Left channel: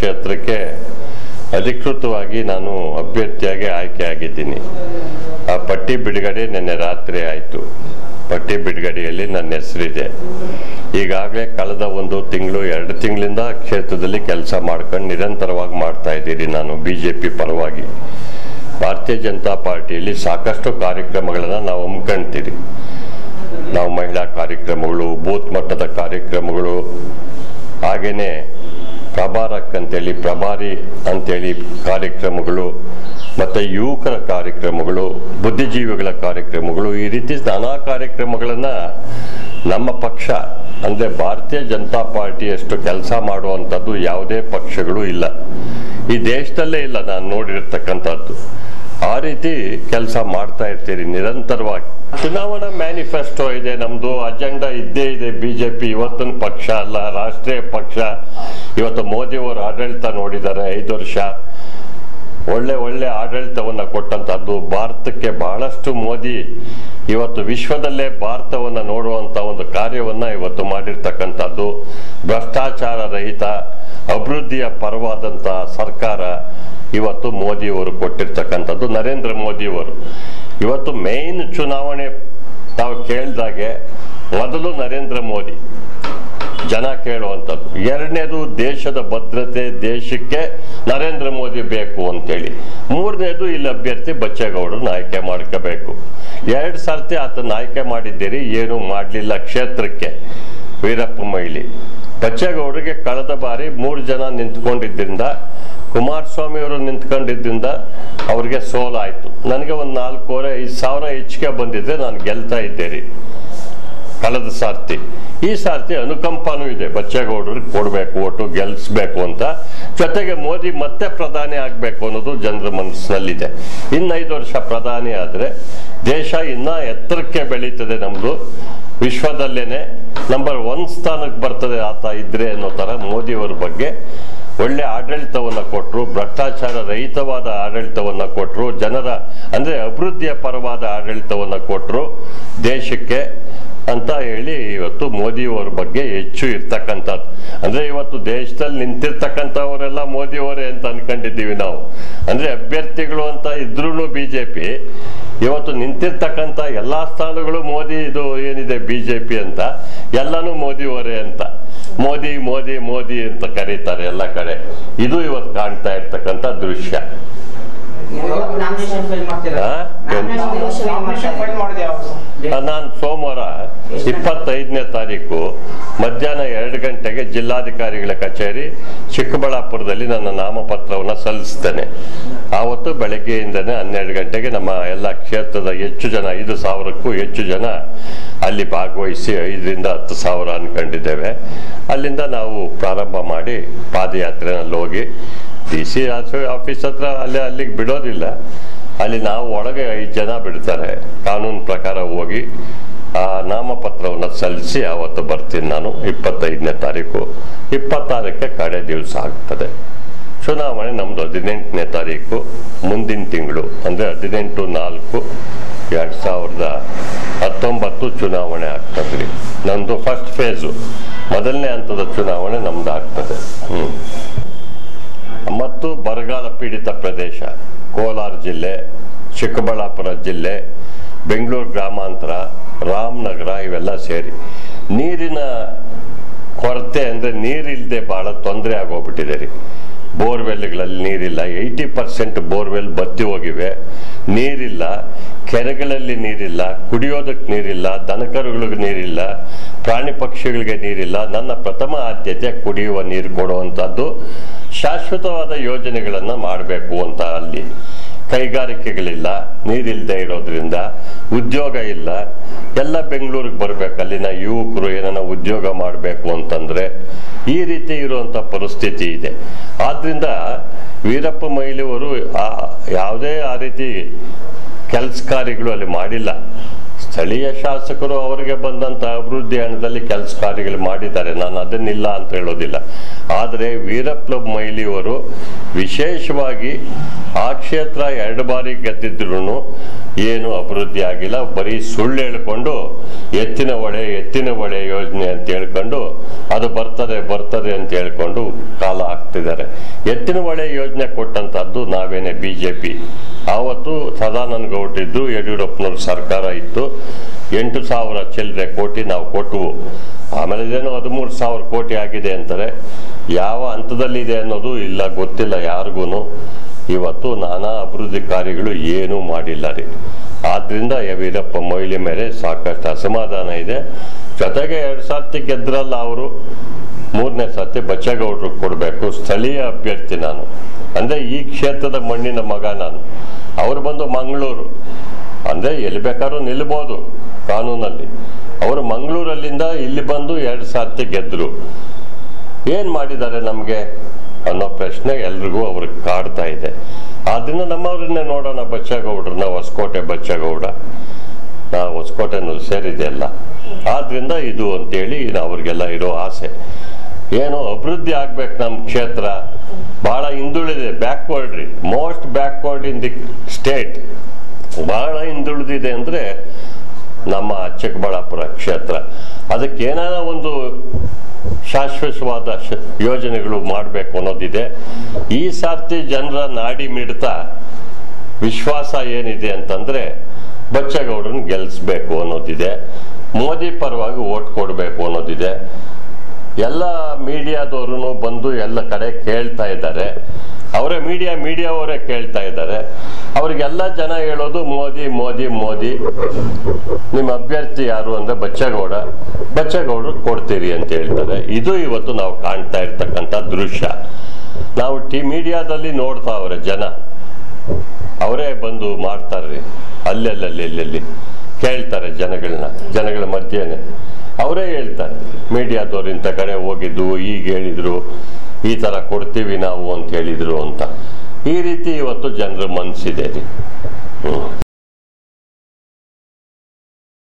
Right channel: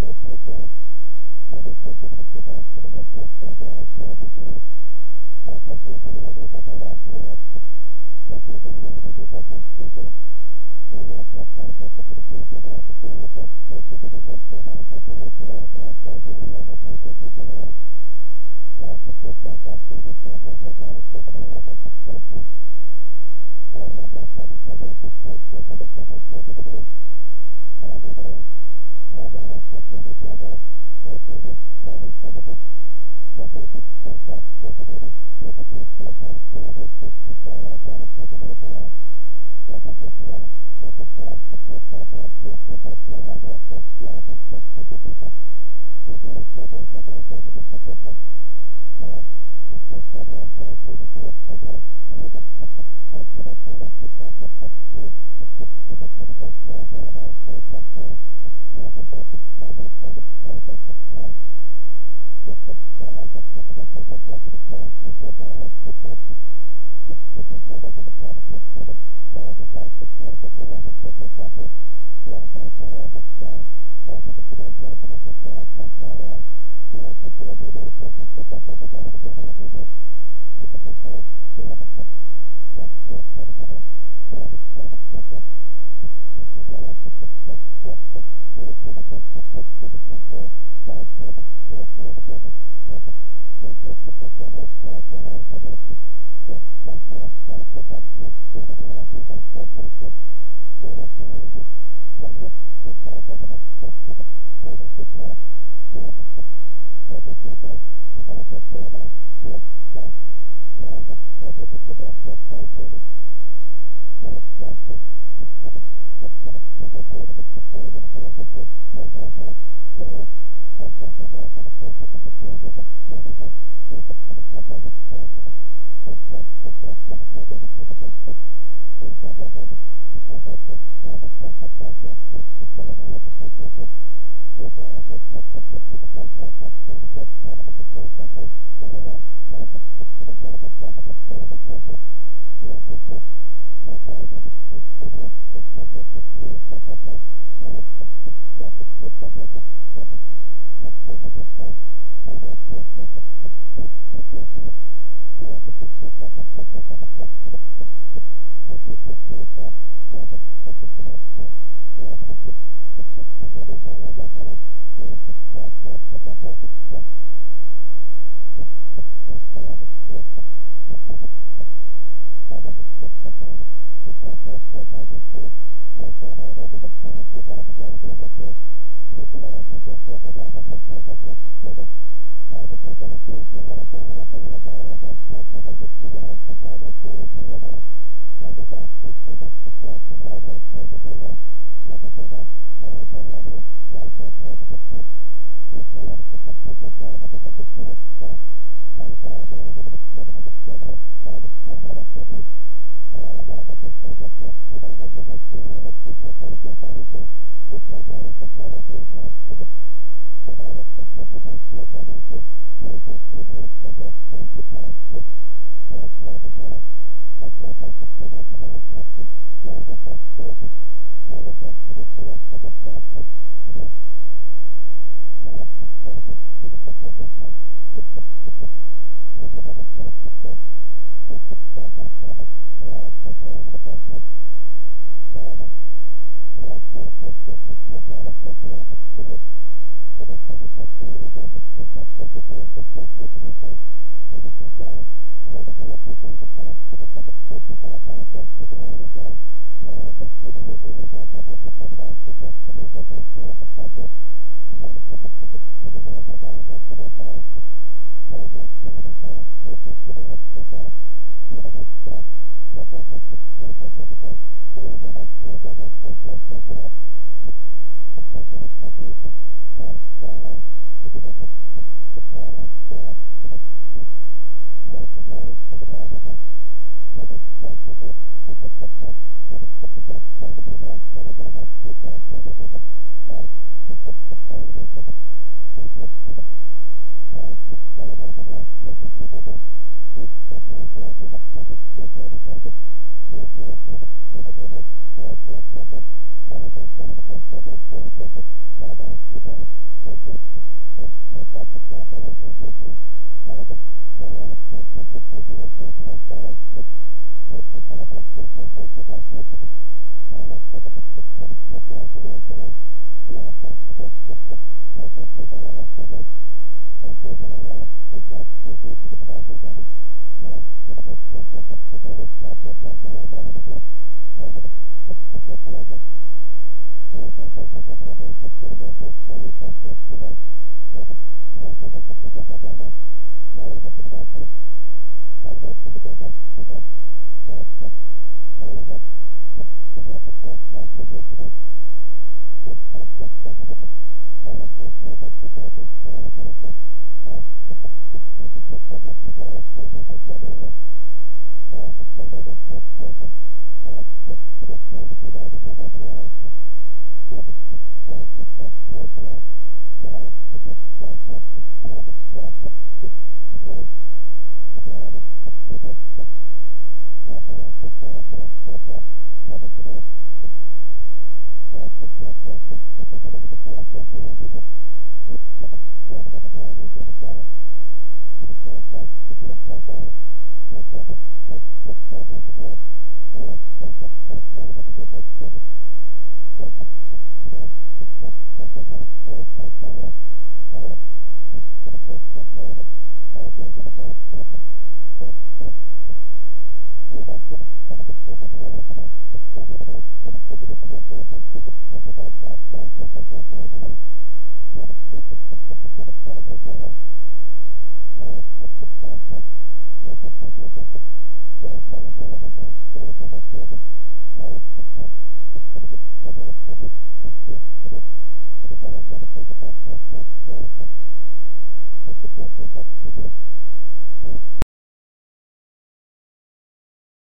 ಕ್ಷೇತ್ರಕ್ಕೆ ಅಧಿಕೃತವಾಗಿ ನಾನು ಅಭ್ಯರ್ಥಿಯಾಗಿ ಆಯ್ಕೆಯಾಗಿದ್ದೀನಿ. ಆ ಪಟ್ಟಿ ಬಿಡುಗಡೆ ನಿನ್ನೆ ರಾತ್ರಿ ಆಯಿತು. ಪಟ್ಟಿ ಬಿಡುಗಡೆಯಲ್ಲಿ ನನ್ನ ಹೆಸರಿದೆ. ಈಗಾಗಲೇ ಕಳೆದ 1 ತಿಂಗಳು 2 ತಿಂಗಳಿಂದ ಕ್ಷೇತ್ರದಲ್ಲಿ ಕೆಲಸ ಮಾಡ್ಕೊಂಡು ನಿರಂತರವಾಗಿ ಮಾಡ್ತಾ ಇದ್ದೀನಿ. ನಾನು BJP ಪರವಾಗಿ ಭಾರತೀಯ ಜನತಾ ಪಾರ್ಟಿಯಲ್ಲಿ ಸಾಕಷ್ಟು ಕಾರ್ಯಕ್ರಮಗಳನ್ನು ನಾವು ಹಮ್ಮಿಕೊಳ್ತೀವಿ. ನಾವು ಮಹಿಳಾ ಕಾರ್ಯಕ್ರಮಗಳು, ಬೂತ್ ಮಟ್ಟದ ಕಾರ್ಯಕ್ರಮಗಳು, ಹಾಗೆಯೇ ಪ್ರಭಾರಕ್ಕಂತೇಳಿ ಪ್ರಭಾರಿ ಅಂತೇಳಿ ಕಾರ್ಯಕ್ರಮಗಳು, ಮತ್ತು ಯುವಕರ ಕಾರ್ಯಕ್ರಮಗಳು, ಬುದ್ಧಿಜೀವಿಗಳ ಕಾರ್ಯಕ್ರಮಗಳು, ಈ ರೀತಿ ನಾನಾ ಕಾರ್ಯಕ್ರಮಗಳನ್ನು ನಮ್ಮ ಪಕ್ಷ ಅಂದರೆ ಭಾರತೀಯ ಜನತಾ ಪಾರ್ಟಿಯಷ್ಟು ಕೆಲಸ ಮಾಡುವಂಥದ್ದು ಯಾವುದೇ ಪಕ್ಷಗಳು ಇಲ್ಲ, ಈ ದೇಶದಲ್ಲೇ ಇಲ್ಲ ನಾನು ನೋಡಿರ್ತಕ್ಕಂಥದ್ದು. ಆ ರೀತಿ ಕೆಲಸ ಮಾಡ್ತಾ ಇರ್ತೀರಿ ನಿರಂತರವಾಗಿ. ಚುನಾವಣಾ ಮ್ಯಾನಿಫೆಸ್ಟೋ ಇದೆ, ನಮ್ಮದು ಅಜೆಂಡಾ ಇದ್ದೇ ಇದೆ. BJP ಇವತ್ತಿನ ಪಕ್ಷ ಅಲ್ಲ, ರಾಷ್ಟ್ರೀಯ ಪಕ್ಷ. ಇವತ್ತು ಮೋದಿಯವರು ಆಡಳಿತ ನೋಡಿದ್ದಾರೆ, 5 ವರ್ಷ ಒಳ್ಳೆ ಆಡಳಿತವನ್ನು ಕೊಟ್ಟಂಥದ್ದು ಭಾರತಕ್ಕೆ. ಬಹಳಷ್ಟು ಮೋದಿ ಇವತ್ತು ವಿಶ್ವದಲ್ಲೇ ಭಾರತವನ್ನು ನೋಡುವಂಥ ಒಂದು ಕಾರ್ಯವನ್ನು ಇವತ್ತು ಮಾಡಿರ್ತಕ್ಕಂಥದ್ದು. ಭ್ರಷ್ಟಾಚಾರ ರಹಿತ ಅಭಿವೃದ್ಧಿಯ ಪರವಾದಂಥ ಸರ್ಕಾರ ಇವತ್ತು ಮೋದಿಯವರು ಕೊಟ್ಟಿರ್ತಕ್ಕಂಥದ್ದು. ನರೇಂದ್ರ ಮೋದಿಯವರು ಇವತ್ತು ಮೇನ್ ಚುನಾವಣೆ ತಾವು ಕೇಳಿದಾಗೆ ಮೊದಲು ನರೇಂದ್ರ ಮೋದಿ ಜನ ಕೇಳುವಂಥದ್ದು. ಎರಡನೇದು ದೇಶದ ಭದ್ರತೆ, ದೇಶಕ್ಕೆ ನರೇಂದ್ರ ಮೋದಿ ಬೇಕು ಅಂತೇಳಿ. ಮೂರನೇದು ಇಲ್ಲಿ ಅಭ್ಯರ್ಥಿ ಬಚ್ಚೇಗೌಡರನ್ನ ಆಯ್ಕೆ ಮಾಡ್ಕೋಬೇಕು. 2 ಸರ್ತಿ ಆತನ ಆಯ್ಕೆ ಮಾಡಿದ್ದೀರಿ, ಏನೂ ಮಾಡಲಿಲ್ಲ ಕ್ಷೇತ್ರಕ್ಕೆ. ವೀರಪ್ಪ ಮೊಯ್ಲಿ ಬಚ್ಚೇಗೌಡರಿಗೆ ಕಳೆದ ಬಾರಿ 3 ಜನ ನಿಂತ್ಕೊಂಡಿದ್ದರಿಂದ, ಕುಮಾರಸ್ವಾಮಿ ಅವರು ನಿಂತ್ಕೊಂಡಿದ್ದರಿಂದ ಅವ್ರಿಗೆ ಸೋಲಾಯಿತು. ನನಗೆ ಒಂದು 4,500 ಹೆಚ್ಚಿಗೆ ಬಂದಿದ್ರೆ ನಾನು ಗೆಲ್ತಾ ಇದ್ದೇನೆ ಕಳೆದ ಸಾರ್ತಿ. ಈ ಸಾರ್ತಿ ಅನುಕಂಪನೂ ಇದೆ, ಬಚ್ಚೇಗೌಡರಿಗೆ ಕೊಡಬೇಕು, ಓಟು ಗೆಲ್ಲಿಸ್ಬೇಕು ಅಂತ. ಜೊತೆಗೆ ಮೋದಿ ಮತ್ತೆ ಪ್ರಧಾನಿ ಆಗಬೇಕು ಅನ್ನೋದು ಜನರ ಮನಸ್ಸಿನಲ್ಲಿದೆ. ಇನ್ನು 5 ವರ್ಷ ಪ್ರಧಾನಿ ಆದರೆ ದೇಶ ಇನ್ನೂ ಎತ್ತರಕ್ಕೆ ಬೆಳೀತದೆ. ನಮ್ಮದು ವಿಶ್ವದಲ್ಲೇನೆ ನಂಬರ್ 1 ಸ್ಥಾನಕ್ಕೆ ಬರ್ತದೆ ಆತ ಇದ್ರೆ ಅನ್ನೋ ಥರ ಮೋದಿಯವರ ಬಗ್ಗೆ ಒಳ್ಳೆ ಆಡಳಿತವನ್ನು ಕೊಟ್ಟರು, ಭ್ರಷ್ಟಾಚಾರ ರಹಿತವಾದ ಆಡಳಿತವನ್ನು ಕೊಟ್ಟರು, ಜನರ ಅಂದರೆ ಅಭಿವೃದ್ಧಿಯ ಪರವಾದ ಆಡಳಿತವನ್ನು ಕೊಟ್ಟರು ದೇಶಕ್ಕೆ ಅಂತ ಹೇಳಿ ಇವತ್ತು ಮೋದಿಯವರ ಬಗ್ಗೆ ಹೆಚ್ಚು ಇರ್ತಕ್ಕಂಥದ್ದು. ಅಂದರೆ ಇವತ್ತು ದೇಶದಲ್ಲಿ ನಿಂತಿರ್ತಕ್ಕಂಥವರೆಲ್ಲ ಮೋದಿಯವರೇ ಅಂತ ಅನ್ಕೊಂಡಿದ್ದೀವಿ ನಾವು. ಅಂದರೆ ಅಭ್ಯರ್ಥಿಗಳು ಅಂತ ಇದ್ರೂ BJP ಇವತ್ತು ನಿಂತಿರ್ತಕ್ಕಂಥ ಎಲ್ಲ ಸ್ಥಾನಗಳು ಮೋದಿ, ಇದು ಏನಿದೆ BJP ಅಂತ ಎಲ್ಲನೂ ಮೋದಿಯವರೇ ಅಂತ. ಮೋದಿ ಮೋದಿ ಮೋದಿ ಅಂತ ಕರೀತಾರೆ ಎಲ್ಲ ಕಡೆ. ಇದು ಇವತ್ತು ಕಾಣ್ತಾ ಇರ್ತಕ್ಕಂಥ ದೃಶ್ಯ. ನಾನು ಸೋಮವಾರ 25ನೇ ತಾರೀಕು ಮಧ್ಯಾಹ್ನ 2 ಗಂಟೆಗೆ ಜಿಲ್ಲಾಧಿಕಾರಿಗಳ ಕಚೇರಿ ಚಿಕ್ಕಬಳ್ಳಾಪುರದಲ್ಲಿ ನನ್ನ ನಾಮಪತ್ರವನ್ನು ಸಲ್ಲಿಸ್ತೇನೆ. ಆವತ್ತು ಬೆಳಗ್ಗೆಯಿಂದನೇ 12 ಗಂಟೆಗೆ ನಮ್ಮ ಎಲ್ಲ ಕ್ಷೇತ್ರದ ಹೆಚ್ಚು ಜನ, 5,000ಕ್ಕೂ ಹೆಚ್ಚು ಜನ ಅಲ್ಲಿ ಭಾಗವಹಿಸಿ 5ರಿಂದ 10,000 ಅನ್ಕೊಂಡಿದ್ದೇವೆ. ಅಲ್ಲಿಂದ ನಾವು ಪ್ರಾರಂಭ ಮಾಡಿ ಪಾದಯಾತ್ರೆನಲ್ಲಿ ಹೋಗಿ DC ಆಫೀಸ್ ಹತ್ರ ಅಲ್ಲಿಗೆ ಬಿಡೋದಿಲ್ಲ. ಅಲ್ಲಿ ನಾವು ಒಳಗೆ 5 ಜನ ಬಿಡ್ತಾರೆ. ಕಾನೂನು ಪ್ರಕಾರ ಹೋಗಿ ಆ ನಾಮಪತ್ರವನ್ನು ಸಲ್ಲಿಸಿ ಆವತ್ತು ಬರ್ತೀನಿ ನಾನು. 25ನೇ ತಾರೀಕು, 26ಕ್ಕೆ ಕಡೆ ದಿವಸ ಆಗ್ತದೆ ಚುನಾವಣೆ. ನಮ್ಮದು 18ನೇ ತಾರೀಕು ಮುಂದಿನ ತಿಂಗಳು, ಅಂದರೆ 18/4/2019 ಚುನಾವಣೆ ಆಗ್ತದೆ. ನಮ್ಮದು ಫಸ್ಟ್ ಫೇಸು, ಮೊದಲನೇ ಹಂತದ ಚುನಾವಣೆ ನಮ್ದು ಆಗ್ತದೆ. ಮತ್ತು ಬರಗಾಲ ಪೀಡಿತ ಪ್ರದೇಶ ಕೋಲಾರ ಜಿಲ್ಲೆ, ಚಿಕ್ಕಬಳ್ಳಾಪುರ ಜಿಲ್ಲೆ, ಬೆಂಗಳೂರು ಗ್ರಾಮಾಂತರ, ರಾಮನಗರ ಇವೆಲ್ಲ ಸೇರಿ ನೀರಿನ ಕೊರತೆ ಅಂದರೆ ನೀರಿಲ್ಲದೆ ಭಾಳ ತೊಂದರೆ ಆಗೋಗ್ಬಿಟ್ಟಿದೆ ರೀ. ಬೋರ್ವೆಲ್ಗಳಲ್ಲಿ ನೀರಿಲ್ಲ, 80% ಬೋರ್ವೆಲ್ ಬತ್ತಿ ಹೋಗಿವೆ, ನೀರಿಲ್ಲ. ಕೆರೆಗಳಲ್ಲಿ ನೀರಿಲ್ಲ, ಕುಡಿಯೋದಕ್ಕೆ ನೀರಿಲ್ಲ, ದನಕರುಗಳಿಗೆ ನೀರಿಲ್ಲ, ಪ್ರಾಣಿ ಪಕ್ಷಿಗಳಿಗೆ ನೀರಿಲ್ಲ. ನನ್ನ ಪ್ರಥಮ ಆದ್ಯತೆ ಕುಡಿಯುವ ನೀರು ಕೊಡುವಂಥದ್ದು, ಶಾಶ್ವತವಾದ ಯೋಜನೆಗಳನ್ನು ಮಾಡಬೇಕು ಅಂತ. ಅಲ್ಲಿ ಕೈಗಾರಿಕೆಗಳಿಲ್ಲ, ನೀರಿಲ್ಲದೆ ಇರೋದ್ರಿಂದ ಉದ್ಯೋಗ ಇಲ್ಲ. ಎಲ್ಲ ಬೆಂಗಳೂರಿಗೆ ಬರಬೇಕು, ಅಲ್ಲಿನ ಯುವಕರು ಏನನ್ನ ಉದ್ಯೋಗ ಮಾಡಬೇಕು ಅಂತಂದರೆ ಈ ರೀತಿ ಇರುವಂಥ ಪರಿಸ್ಥಿತಿ ಇದೆ. ಆದ್ದರಿಂದ ವೀರಪ್ಪ ಮೊಯ್ಲಿಯವರು ಯಾವುದೇ ಆ ರೀತಿ ಕೆಲಸ ಕಾರ್ಯಗಳು ಅಲ್ಲಿ ಮಾಡಿಲ್ಲ. ಸ್ಥಳೀಯ ಶಾಸಕರು ಅವರಿಗೆ ಬಂದಂಥ ಅಭಿವೃದ್ಧಿ ಹಣದಲ್ಲಿ ಕೆಲಸ ಕಾರ್ಯಗಳು ಮಾಡಿದ್ದಾರೆ, ನಾನು ಅದನ್ನಿಲ್ಲ ಅಂತ ಹೇಳೋದಿಲ್ಲ. ಆದರೆ ವೀರಪ್ಪ ಮೊಯ್ಲಿಯವರು ವಿಶೇಷವಾಗಿ ಆ ಕ್ಷೇತ್ರ 2 ಬಾರಿ ಗೆದ್ದಿದ್ರು ಏನು ಅಭಿವೃದ್ಧಿ ಆಗಿಲ್ಲ. ಬರೀ ಸುಳ್ಳು ಹೇಳ್ಕೊಂಡು ಎತ್ತಿನ ಹೊಳೆ ಯೋಜನೆ ಅಂತ ಹೇಳ್ಕೊಂಡು ಅದು ಬರ್ತದೆ ಅಂತ ಹೇಳ್ಕೊಂಡು ಕಾಲ ಹಾಕ್ತಿದ್ದಾರೆ. ಎತ್ತಿನ ಹೊಳೆ ಯೋಜನೆ ಕೊಟ್ಟಂತದ್ದು ನಾವೇನೆ BJP. ಆವತ್ತು ಸದಾನಂದ ಗೌಡ್ರಿದ್ರು, ಯಡಿಯೂರಪ್ಪನವ್ರ ಸರ್ಕಾರ ಇತ್ತು. 8,000 ಚಿಲ್ಲರೆ ಕೋಟಿ ನಾವು ಕೊಟ್ಟವು. ಆಮೇಲೆ ಇದೇನೋ 13,000 ಕೋಟಿ ಆಗಿದೆ ಅಂತಾರೆ. ಯಾವ ಹಂತದಲ್ಲಿದೆ ಅನ್ನೋದು ಇಲ್ಲ, ಗೊತ್ತಿಲ್ಲ ಯಾರಿಗೂ. ಇವತ್ತು ನಾನಾ ಅಭಿವೃದ್ಧಿ ಕಾರ್ಯಗಳು ಏನೂ ಮಾಡಿಲ್ಲ ರೀ. ಆದ್ರಿಂದ ವೀರಪ್ಪ ಮೊಯ್ಲಿ ಮೇಲೆ ಸಾಕಷ್ಟು ಅಸಮಾಧಾನ ಇದೆ. ಜೊತೆಗೆ 2 ಸರ್ತಿ ಗೆದ್ರಲ್ಲ ಅವರು, 3ನೇ ಸರ್ತಿ ಬಚ್ಚೇಗೌಡರಿಗೆ ಕೊಡಬೇಕು. ಸ್ಥಳೀಯ ಅಭ್ಯರ್ಥಿ ನಾನು, ಅಂದರೆ ಈ ಕ್ಷೇತ್ರದ ಮಣ್ಣಿನ ಮಗ ನಾನು. ಅವರು ಬಂದು ಮಂಗಳೂರು, ಅಂದರೆ ಎಲ್ಲಿ ಬೇಕಾದ್ರೂ ನಿಲ್ಬೋದು ಕಾನೂನಲ್ಲಿ. ಅವರು ಮಂಗಳೂರಲ್ಲಿಂದ ಇಲ್ಲಿ ಬಂದು 2 ಸರ್ತಿ ಗೆದ್ರು. ಏನು ಮಾಡಿದ್ದಾರೆ ನಮಗೆ ಅನ್ನೋ ಪ್ರಶ್ನೆ ಎಲ್ರಿಗೂ ಅವ್ರಿಗೆ ಕಾಡ್ತಾ ಇದೆ. ಆದ್ರಿಂದ ನಮ್ಮವ್ರನ್ನೇ ನೋಡೋಣ, ಬಚ್ಚೇಗೌಡ್ರನ್ನ, ಹೊಸಕೋಟೆ ಬಚ್ಚೇಗೌಡ, ಹೊಸಕೋಟೆನೂ ಸೇರಿದೆಯಲ್ಲ. ಆದ್ರಿಂದ ಇದು ಅಂತೇಳಿ ಅವ್ರಿಗೆಲ್ಲ ಇರೋ ಆಸೆ. ಏನು ಅಭಿವೃದ್ಧಿ ಆಗ್ಬೇಕು ನಮ್ಮ ಕ್ಷೇತ್ರ. ಬಹಳ ಹಿಂದುಳಿದೆ, ಬ್ಯಾಕ್ವರ್ಡ್ ರೀ, most backward in the state. ಬಹಳ ಹಿಂದುಳಿದಿದೆ ಅಂದರೆ ನಮ್ಮ ಚಿಕ್ಕಬಳ್ಳಾಪುರ ಕ್ಷೇತ್ರ. ಅದಕ್ಕೆ ಏನಾರ ಒಂದು ಶಾಶ್ವತವಾದ ಯೋಜನೆಗಳು ಮಾಡಬೇಕು ಅನ್ನೋದಿದೆ. ಈ ಸರ್ತಿ ಜನರ ನಾಡಿ ಮಿಡ್ತ ವಿಶ್ವಾಸ ಏನಿದೆ ಅಂತಂದ್ರೆ ಬಚ್ಚೇಗೌಡರನ್ನ ಗೆಲ್ಲಿಸ್ಬೇಕು ಅನ್ನೋದಿದೆ. ಮೋದಿ ಪರವಾಗಿ ಓಟ್ ಕೊಡಬೇಕು ಅನ್ನೋದಿದೆ. ಎಲ್ಲ ಮೀಡಿಯಾದವರು ಬಂದು ಎಲ್ಲ ಕಡೆ ಕೇಳ್ತಾ ಇದ್ದಾರೆ. ಅವರೇ ಮೀಡಿಯಾವರೇ ಕೇಳ್ತಾ ಇದ್ದಾರೆ. ಅವ್ರಿಗೆಲ್ಲ ಜನ ಹೇಳೋದು ಮೋದಿ ಮೋದಿ ಮೋದಿ. ನಿಮ್ಮ ಅಭ್ಯರ್ಥಿ ಯಾರು ಅಂದ್ರೆ ಬಚ್ಚೇಗೌಡರು ಕೊಡ್ತೀರಿ ಅಂತ ಹೇಳ್ತಾರೆ. ಇದು ಇವತ್ತು ನಾವು ಕಾಣ್ತಾ ಇರ್ತಕ್ಕಂಥ ದೃಶ್ಯ. ನಾವು ಮೀಡಿಯಾದಲ್ಲಿ ನೋಡ್ತಾವ್ರೆ ಜನ, ಅವರೇ ಬಂದು ಮಾಡ್ತಾರ್ರಿ. ಅಲ್ಲೆಲ್ಲಿ ಕೇಳ್ತಾರೆ ಜನಗಳ ಮಧ್ಯೆನೆ ಅವರೇ ಹೇಳ್ತಾರೆ. ಮೀಡಿಯಾದವ್ರು ಇಂಥ ಕಡೆ ಹೋಗಿದ್ದು, ಈಗ ಹೇಳಿದ್ರು, ಈ ತರ ಕೊಡ್ತೀವಿ ನಾವು ಅಂತ ಹೇಳಿದ್ರು ಅಂತ. ಈ ರೀತಿ ಇವತ್ತು ಜನರ ಮನಸ್ಸಿದೆ ರೀ.